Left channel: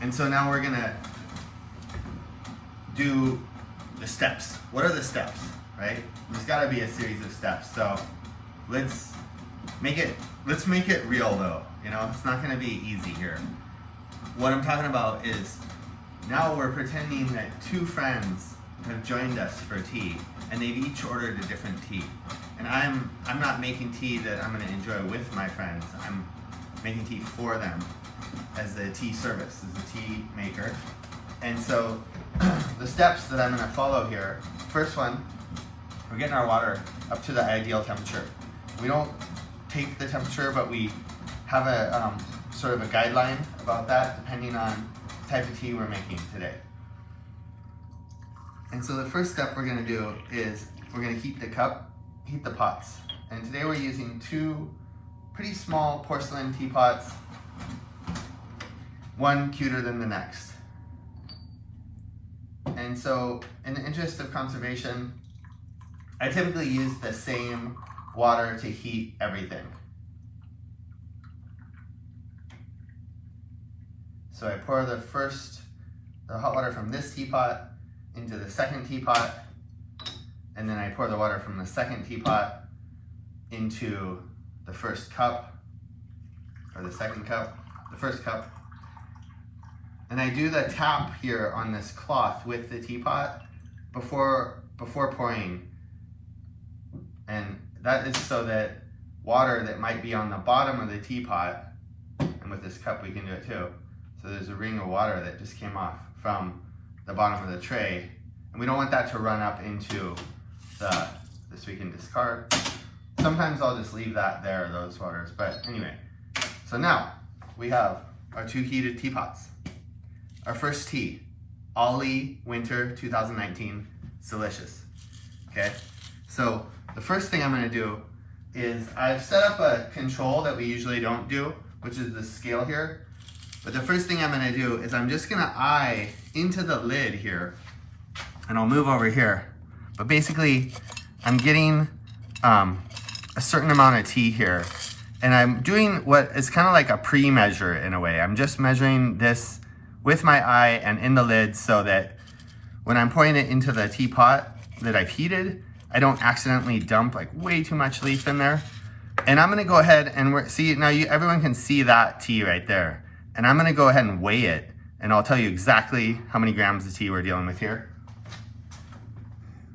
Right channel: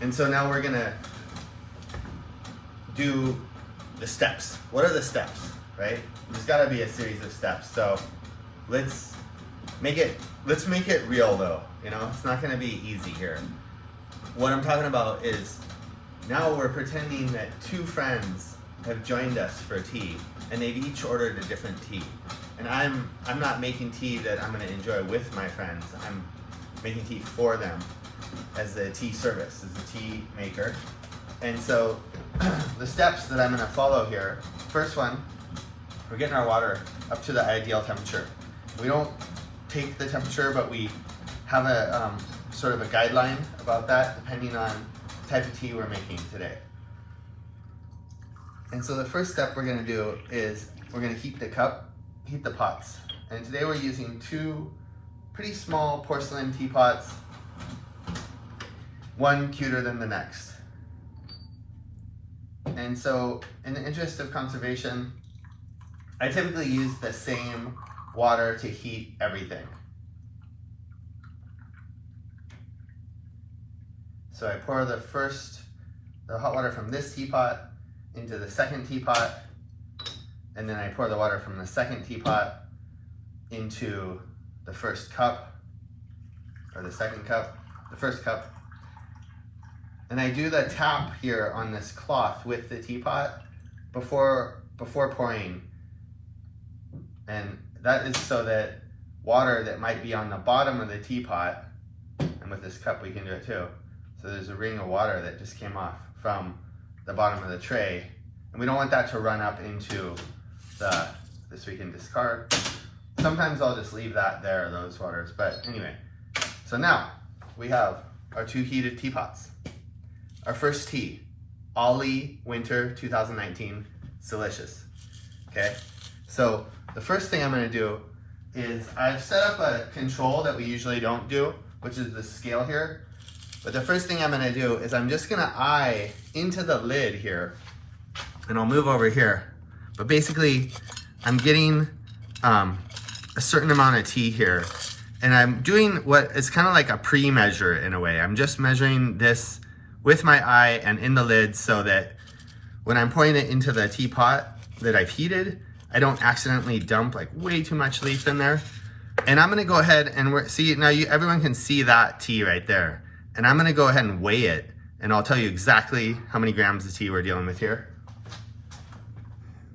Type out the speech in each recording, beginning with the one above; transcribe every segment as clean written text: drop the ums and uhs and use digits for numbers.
And so now we're gonna do the steps. What are the steps, right? There's gotta be a series of steps. So let's make it real though. You know, it's not gonna be easy here. What I'm talking about is now we're pretending that two friends have joined us for tea, and they've each ordered a different tea. And I'm not making tea that I'm gonna enjoy with my friends. I'm making tea for them as a tea service, as a tea maker. And so the steps that I'm gonna follow here, first one, we're getting our water up to the ideal temperature. We don't take the temperature, but we have a sort of a guideline about that depending on the type of tea we're making today. And so the first step we're gonna do is we're gonna heat the pots. And today we're using two pretty small porcelain teapots, one cuter than the next. And so in the interest of conservation, I typically use the same water to heat everything. So I pour the hot water from this teapot into the second teapot, and then I pour the water from the second teapot into the first cup, or the second cup, the first cup. And I do the tap here on this cloth with the teapot before pouring. And that is so that water that might be on the bottom of the teapot, and with this cup we can do it too. So there's a ring of water that just came off from the bottom of the tray. And we don't want that to run up into this we can discard. Sometimes I'll just leave that there, those waters, but anyway. So now we have our two heated teapots. Our first tea, Ollie Winter 2019, it's delicious, okay? So the first thing I'm gonna do is I've set up a control that we usually don't do, which is the scale here. But the first thing I'm gonna do is I'm just gonna eye into the lid here, and I'll move over here. But basically, I'm getting a certain amount of tea here, and I'm doing what is kind of like a pre-measure in a way. I'm just measuring this with my eye and in the lid so that when I'm pouring it into the teapot that I've heated, I don't accidentally dump like way too much leaf in there. And I'm gonna go ahead and see, now everyone can see that tea right there. And I'm gonna go ahead and weigh it, and I'll tell you exactly how many grams of tea we're dealing with here.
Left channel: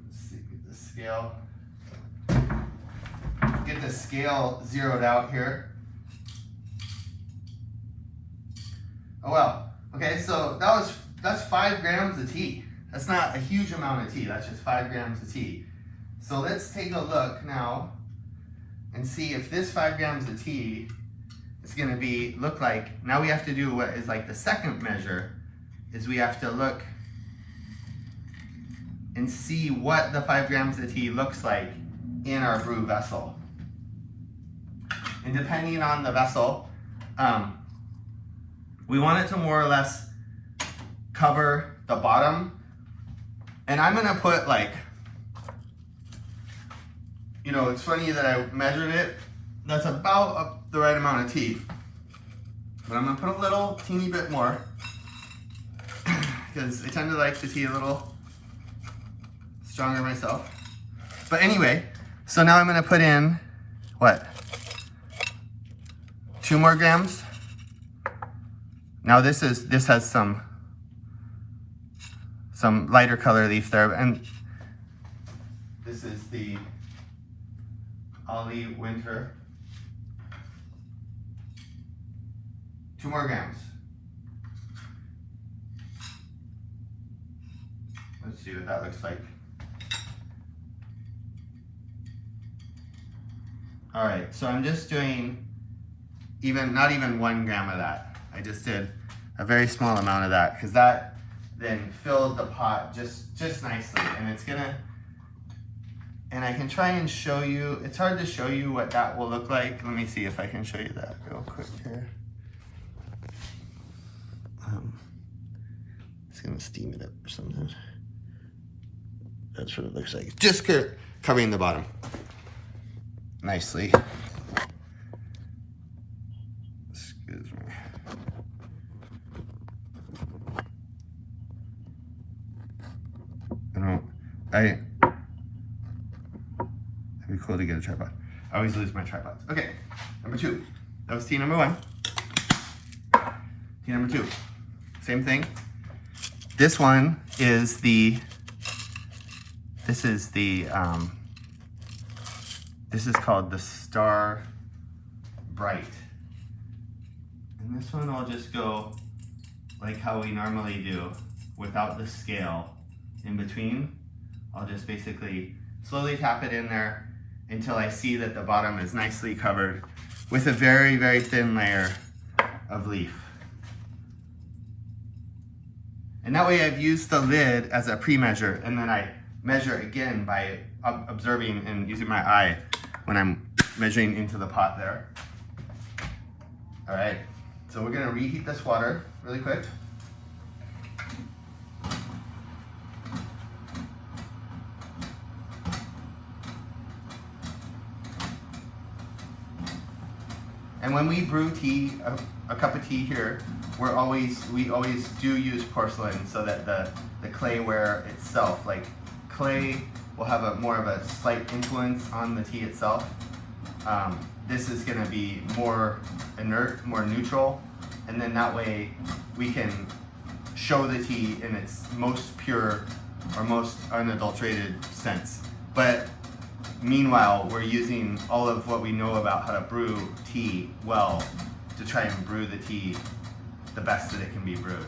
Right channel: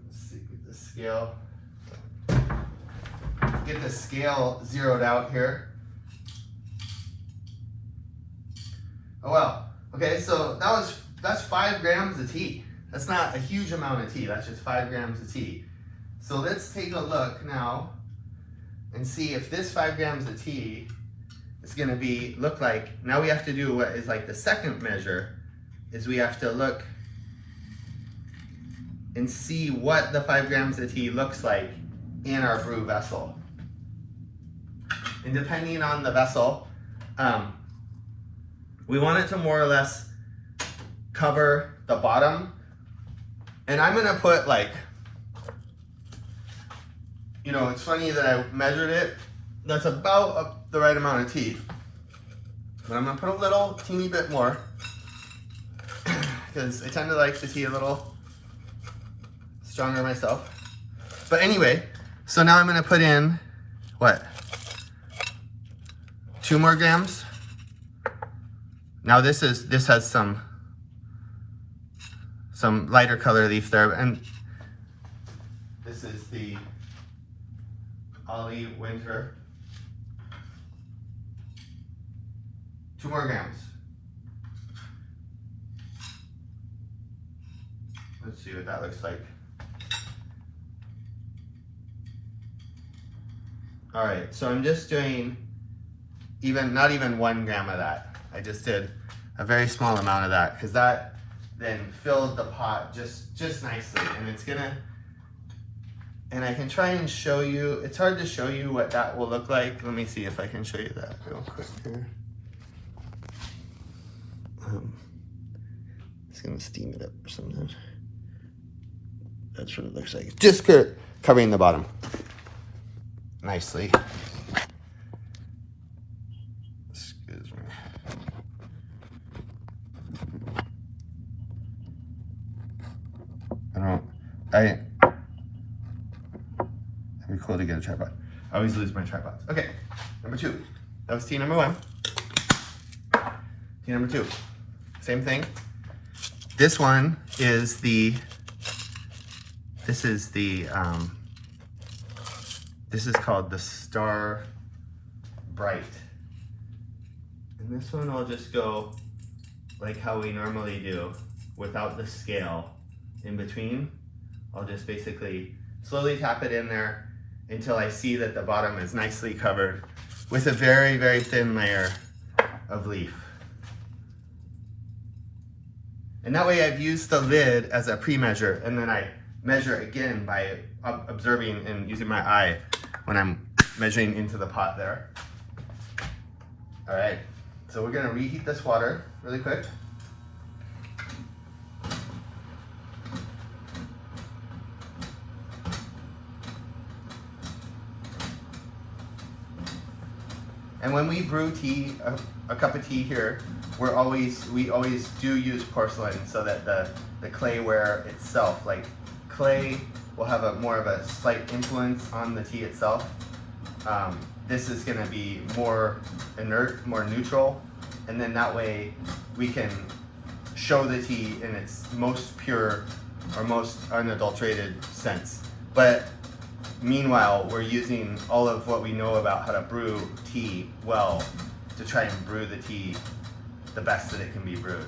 Let's see, get the scale. Get the scale zeroed out here. Oh well. Okay, so that's 5 grams of tea. That's not a huge amount of tea, that's just 5 grams of tea. So let's take a look now and see if this 5 grams of tea is gonna look like, now we have to do what is like the second measure, is we have to look and see what the 5 grams of tea looks like in our brew vessel. And depending on the vessel, we want it to more or less cover the bottom. And I'm gonna put like, you know, it's funny that I measured it. That's about the right amount of tea. But I'm gonna put a little teeny bit more because I tend to like the tea a little stronger myself. But anyway, so now I'm gonna put in, what? 2 more grams. Now this has some lighter color leaf there, and this is the Ollie Winter. 2 more grams. Let's see what that looks like. All right, so I'm just doing not even 1 gram of that. I just did a very small amount of that because that then filled the pot just nicely, and I can try and show you, it's hard to show you what that will look like. Let me see if I can show you that real quick here. It's gonna steam it up or something. That's what it looks like. Just covering the bottom nicely. Excuse me. It'd be cool to get a tripod. I always lose my tripods. Okay, number 2. That was tea number 1. Tea number 2. Same thing. This one is this is called the Star Bright. And this one I'll just go like how we normally do without the scale in between. I'll just basically slowly tap it in there until I see that the bottom is nicely covered with a very, very thin layer of leaf. And that way I've used the lid as a pre-measure, and then I measure again by observing and using my eye when I'm measuring into the pot there. All right, so we're gonna reheat this water really quick. And when we brew tea, a cup of tea here, we always do use porcelain so that the clayware itself, like clay will have a more of a slight influence on the tea itself. This is gonna be more inert, more neutral, and then that way we can show the tea in its most pure or most unadulterated sense. But meanwhile, we're using all of what we know about how to brew tea well to try and brew the tea the best that it can be brewed.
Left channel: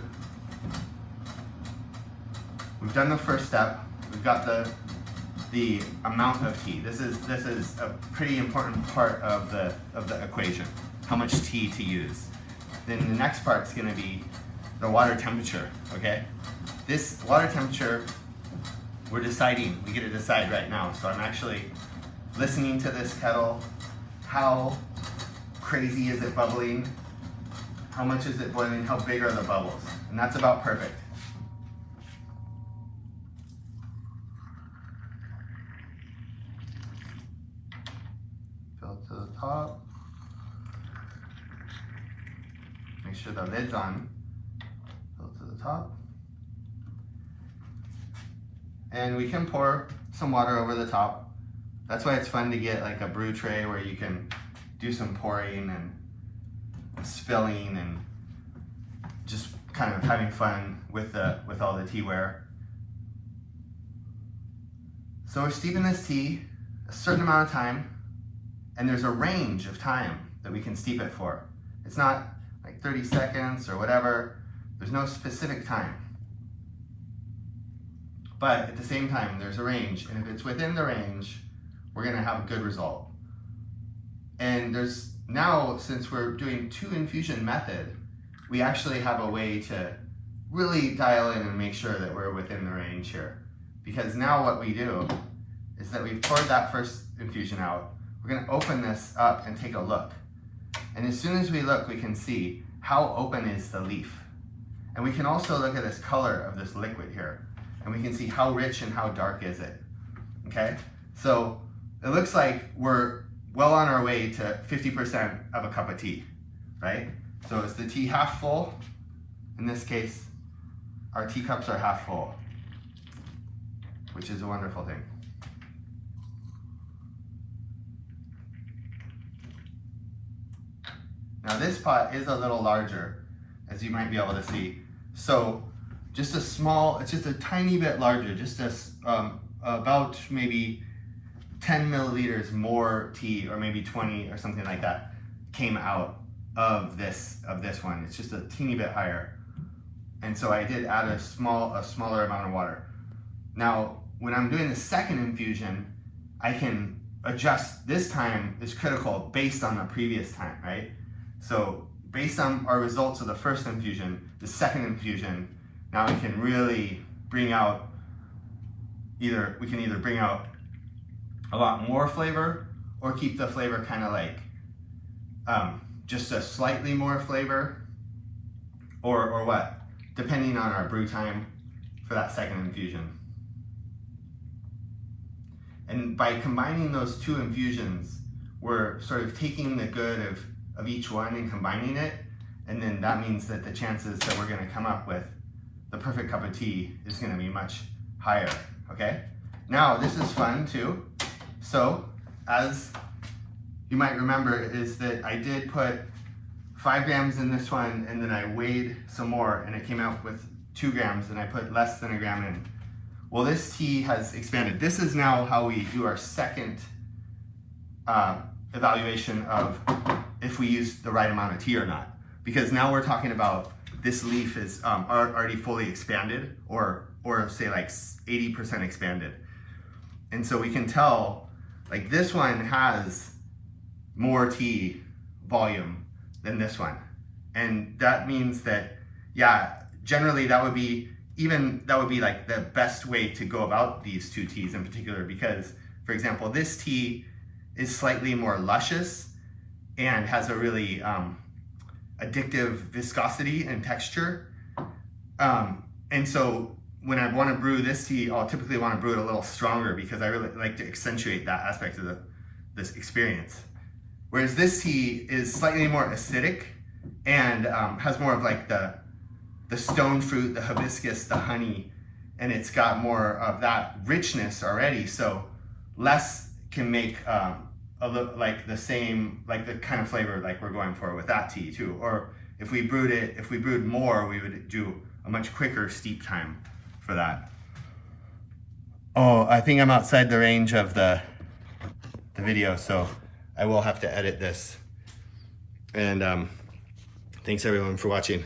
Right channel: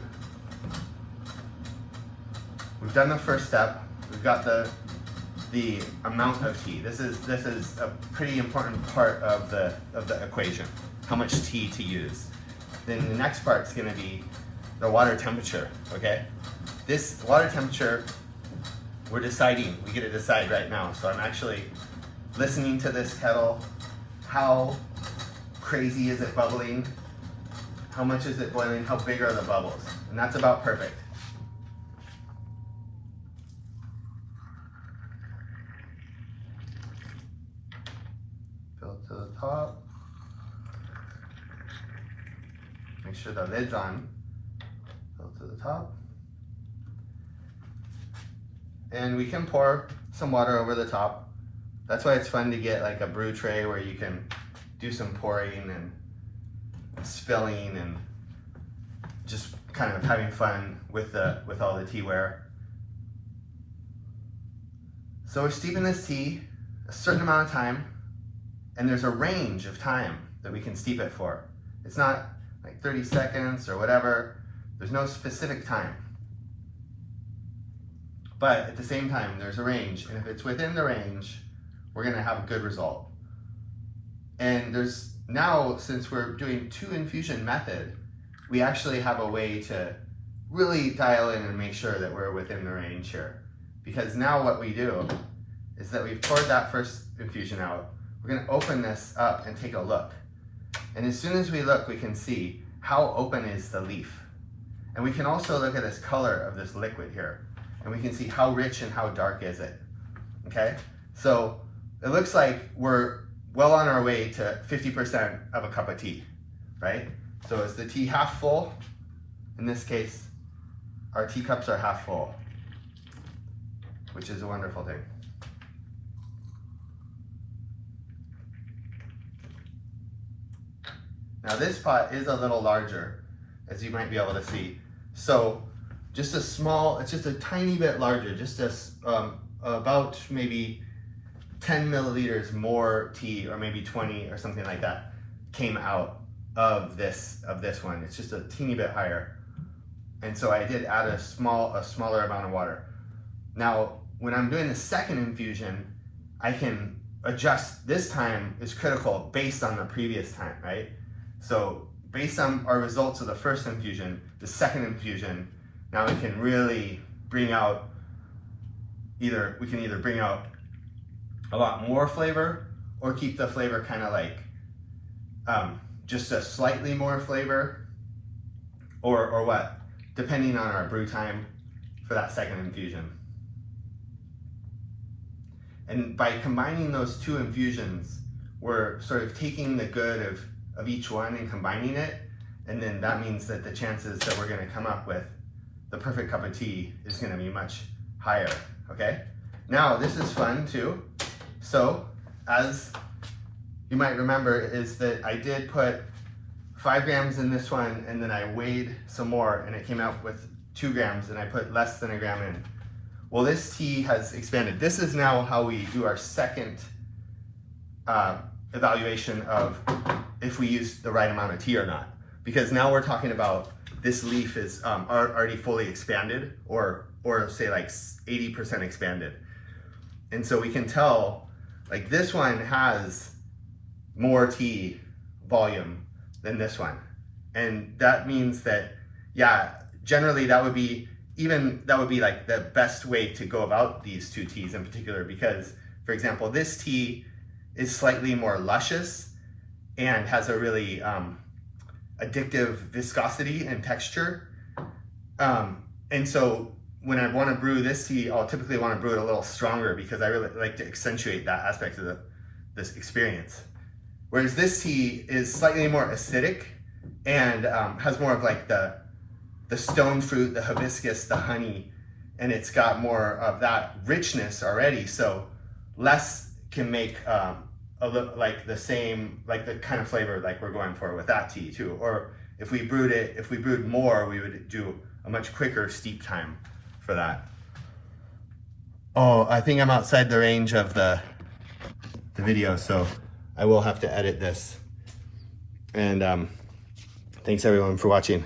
We've done the first step. We've got the amount of tea. This is a pretty important part of the equation, how much tea to use. Then the next part's gonna be the water temperature, okay? This water temperature, we're deciding, we get to decide right now. So I'm actually listening to this kettle. How crazy is it bubbling? How much is it boiling? How big are the bubbles? And that's about perfect. Fill it to the top. Make sure the lid's on. Fill it to the top. And we can pour some water over the top. That's why it's fun to get like a brew tray where you can do some pouring and spilling and just kind of having fun with all the teaware. So we're steeping this tea a certain amount of time, and there's a range of time that we can steep it for. It's not like 30 seconds or whatever. There's no specific time. But at the same time, there's a range, and if it's within the range, we're gonna have a good result. And there's now, since we're doing 2 infusion method, we actually have a way to really dial in and make sure that we're within the range here. Because now what we do is that we've poured that first infusion out, we're gonna open this up and take a look. And as soon as we look, we can see how open is the leaf. And we can also look at this color of this liquid here, and we can see how rich and how dark is it, okay? So it looks like we're well on our way to 50% of a cup of tea, right? So is the tea half full? In this case, our teacups are half full, which is a wonderful thing. Now this pot is a little larger, as you might be able to see. So just a small, it's just a tiny bit larger, just about maybe 10 milliliters more tea, or maybe 20 or something like that, came out of this one. It's just a teeny bit higher. And so I did add a smaller amount of water. Now, when I'm doing the second infusion, I can adjust. This time is critical based on the previous time, right? So based on our results of the first infusion, the second infusion, now we can really bring out we can either bring out a lot more flavor or keep the flavor kind of like just a slightly more flavor, or what, depending on our brew time for that second infusion. And by combining those 2 infusions, we're sort of taking the good of each one and combining it, and then that means that the chances that we're going to come up with the perfect cup of tea is going to be much higher, okay? Now this is fun too. So as you might remember is that I did put 5 grams in this one, and then I weighed some more and it came out with 2 grams, and I put less than a gram in. Well, this tea has expanded. This is now how we do our second evaluation of if we use the right amount of tea or not. Because now we're talking about this leaf is already fully expanded, or say like 80% expanded. And so we can tell like this one has more tea volume than this one. And that means that, yeah, generally that would be like the best way to go about these 2 teas in particular, because for example, this tea is slightly more luscious and has a really addictive viscosity and texture. And so when I want to brew this tea, I'll typically want to brew it a little stronger because I really like to accentuate that aspect of this experience. Whereas this tea is slightly more acidic and has more of like the stone fruit, the hibiscus, the honey, and it's got more of that richness already. So less can make like the same, like the kind of flavor like we're going for with that tea too. Or if we brewed more, we would do a much quicker steep time for that. Oh, I think I'm outside the range of the video, so I will have to edit this. And thanks everyone for watching.